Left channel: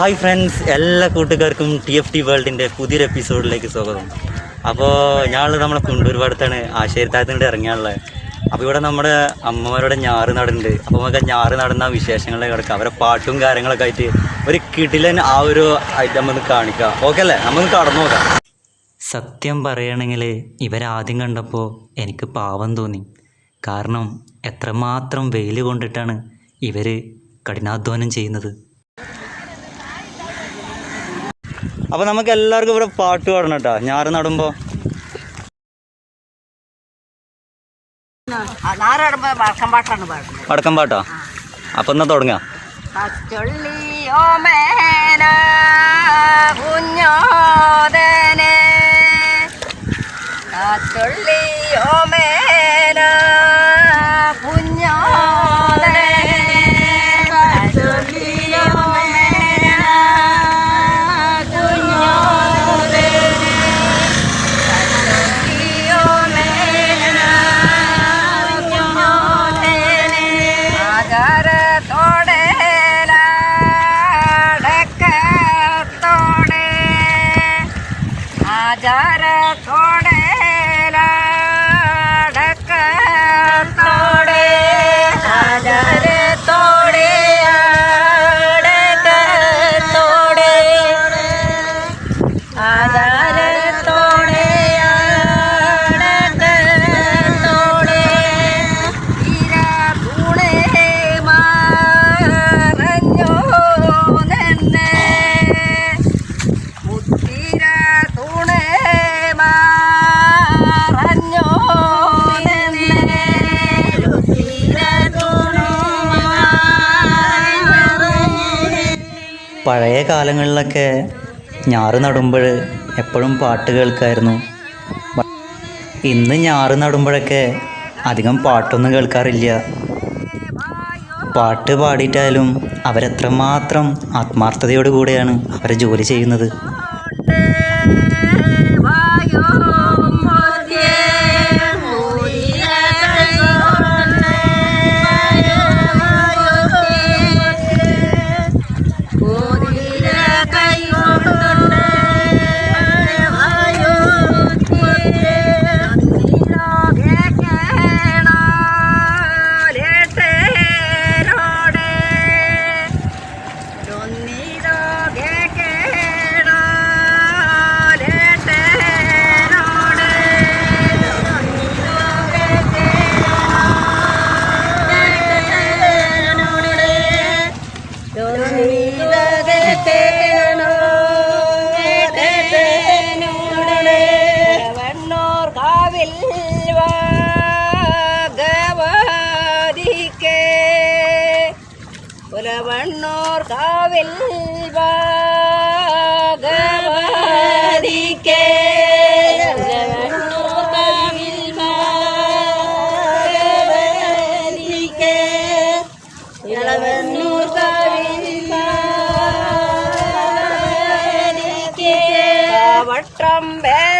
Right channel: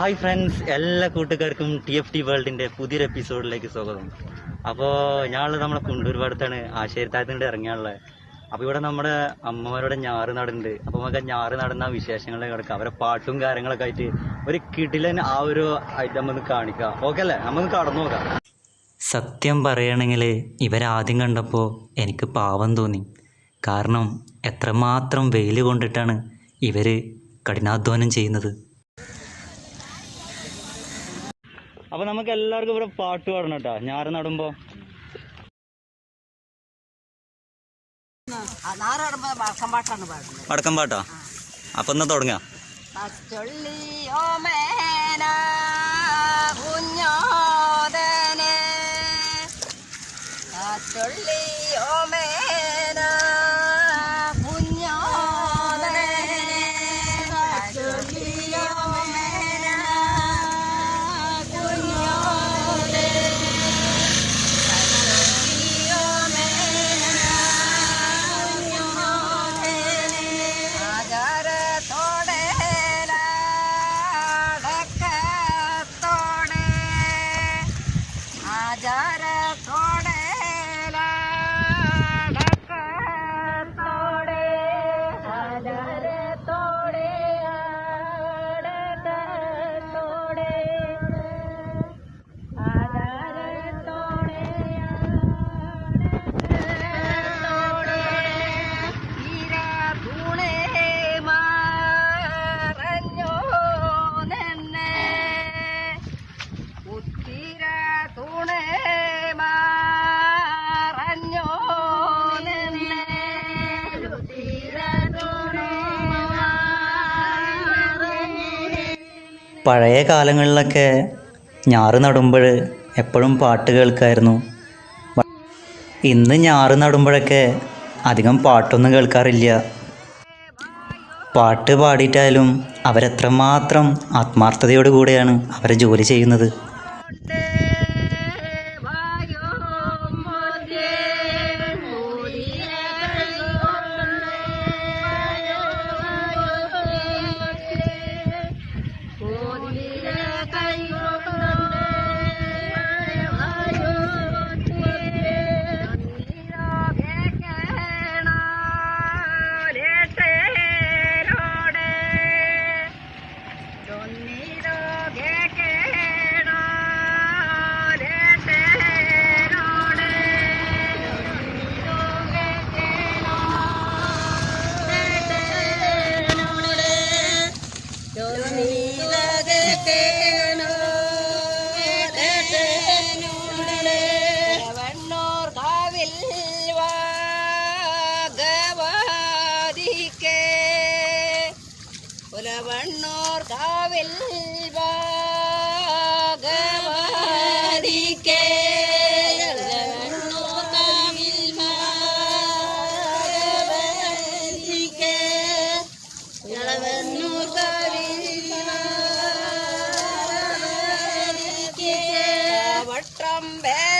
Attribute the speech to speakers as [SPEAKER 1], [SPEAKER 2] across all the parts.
[SPEAKER 1] Hi friends എല്ലാ കൂട്ടുകാർക്കും T F T വേൾഡിന്റെ പുതിയൊരു എപ്പിസോഡിലേക്ക് സ്വാഗതം. അപ്പോൾ ഞങ്ങൾ നമ്മളെ കുണ്ടൂർപാടത്താണ് ആശയത്താഴത്തിന്റെ ഇറങ്ങിയാണുള്ളത്. അപ്പോൾ ഇവിടെ നമ്മുടെ അമ്മമാരുടെ ഞാറ് നടുന്നുണ്ട് അപ്പോൾ നമുക്ക് ഞാറ് നടന്ന വിശേഷങ്ങളിലേക്ക് കിടക്കാം. അവരെ പാട്ടും കാര്യങ്ങളൊക്കെ ആയിട്ട് ഒരു കിടിലൻ ആ ഒരു ഐറ്റം ഒന്ന് കാണിക്കാം. ഓക്കെ അല്ലേ? നമുക്ക് കടന്നു നോക്കാം. സത്യം പറയുകയാണെങ്കിൽ ഇവരാദ്യം കണ്ടപ്പോൾ എനിക്ക് പാവം തോന്നി. കാരണം എത്രമാത്രം വെയിൽ കൊണ്ടിട്ടാണ് ഇവർ കഠിനാധ്വാനം ചെയ്യുന്നത്. അപ്പോൾ നമുക്ക് എല്ലാവർക്കും ഇവിടെ പാട്ട് പാടണം കേട്ടോ. ഞാറ് നടുമ്പോൾ
[SPEAKER 2] പാടുന്നത്.
[SPEAKER 1] വടക്കം പാട്ടോ? അപ്പം എന്നാ തുടങ്ങാം?
[SPEAKER 2] കുഞ്ഞോദനെ. പച്ചൊള്ളിയോ
[SPEAKER 1] പഴയ കാലങ്ങളിലൊക്കെ ഞാറ് നടുമ്പോൾ എപ്പോഴും പാട്ട് കേൾക്കായിരുന്നു. ഇന്ന് ഞാറ് നടുമ്പോഴൊക്കെ അധികം പാട്ടൊന്നും കേൾക്കാറില്ല. പാട്ട് പാടിയിട്ടായാലും അവരെത്രമാത്രം ആത്മാർത്ഥതയോടു കൂടെയാണ് അവരെ ജോലി ചെയ്യുന്നത്. வண்ணோர் காவில் பாகவதிக்கே வற்றம் வே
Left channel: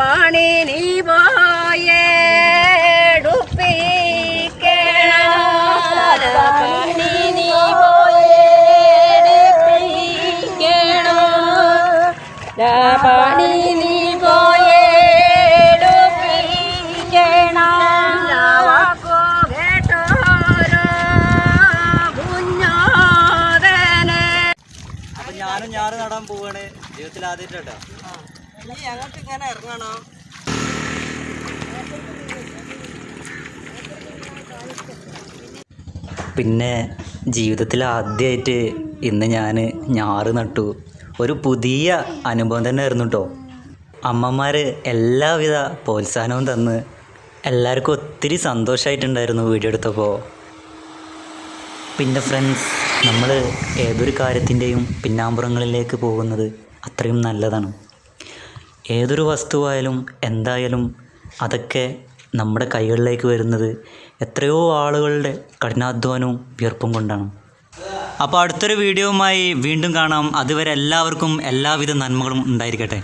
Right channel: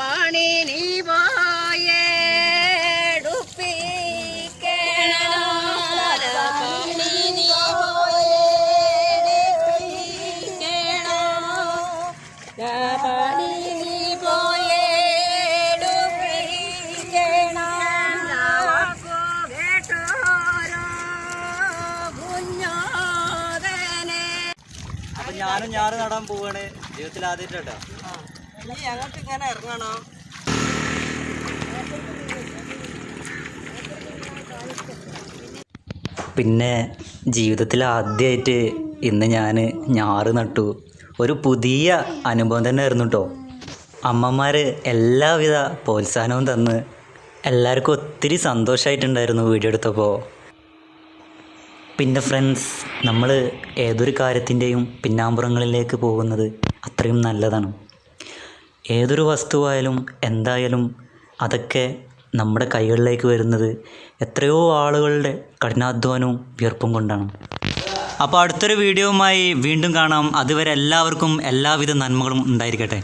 [SPEAKER 1] നീ പണി നീ
[SPEAKER 3] ഞാനും ഞാറ് നടാൻ പോവാണ്. ജീവിതത്തിൽ ആദ്യമായിട്ടാ
[SPEAKER 1] ഞങ്ങൾക്ക് ഇങ്ങനെ ഇറങ്ങണോ?
[SPEAKER 3] പിന്നെ ജീവിതത്തിൽ ആദ്യമായിട്ട് ഇന്ന് ഞാൻ ഞാറ് നട്ടു. ഒരു പുതിയ അനുഭവം തന്നെ ആയിരുന്നു കേട്ടോ അമ്മമാർ എല്ലാവിധ പ്രോത്സാഹനവും തന്ന് എല്ലാവർക്കും ഒത്തിരി സന്തോഷമായിട്ടുണ്ടായിരുന്നു വീഡിയോ എടുത്തപ്പോൾ പിന്നെ ഫ്രണ്ട്സ് നമ്മൾ ഏതൊരു കാര്യത്തിന്റെയും പിന്നാമ്പുറങ്ങളിലേക്ക് പോകുന്നത് അത്രയും നല്ലതാണ്. ഏതൊരു വസ്തുവായാലും എന്തായാലും അതൊക്കെ നമ്മുടെ കൈകളിലേക്ക് വരുന്നത് എത്രയോ ആളുകളുടെ കഠിനാധ്വാനവും വിയർപ്പും കൊണ്ടാണ്. അപ്പോൾ അടുത്തൊരു വീഡിയോവുമായി വീണ്ടും കാണാം. അതുവരെ എല്ലാവർക്കും എല്ലാവിധ നന്മകളും ഉണ്ടായിരിക്കട്ടെ.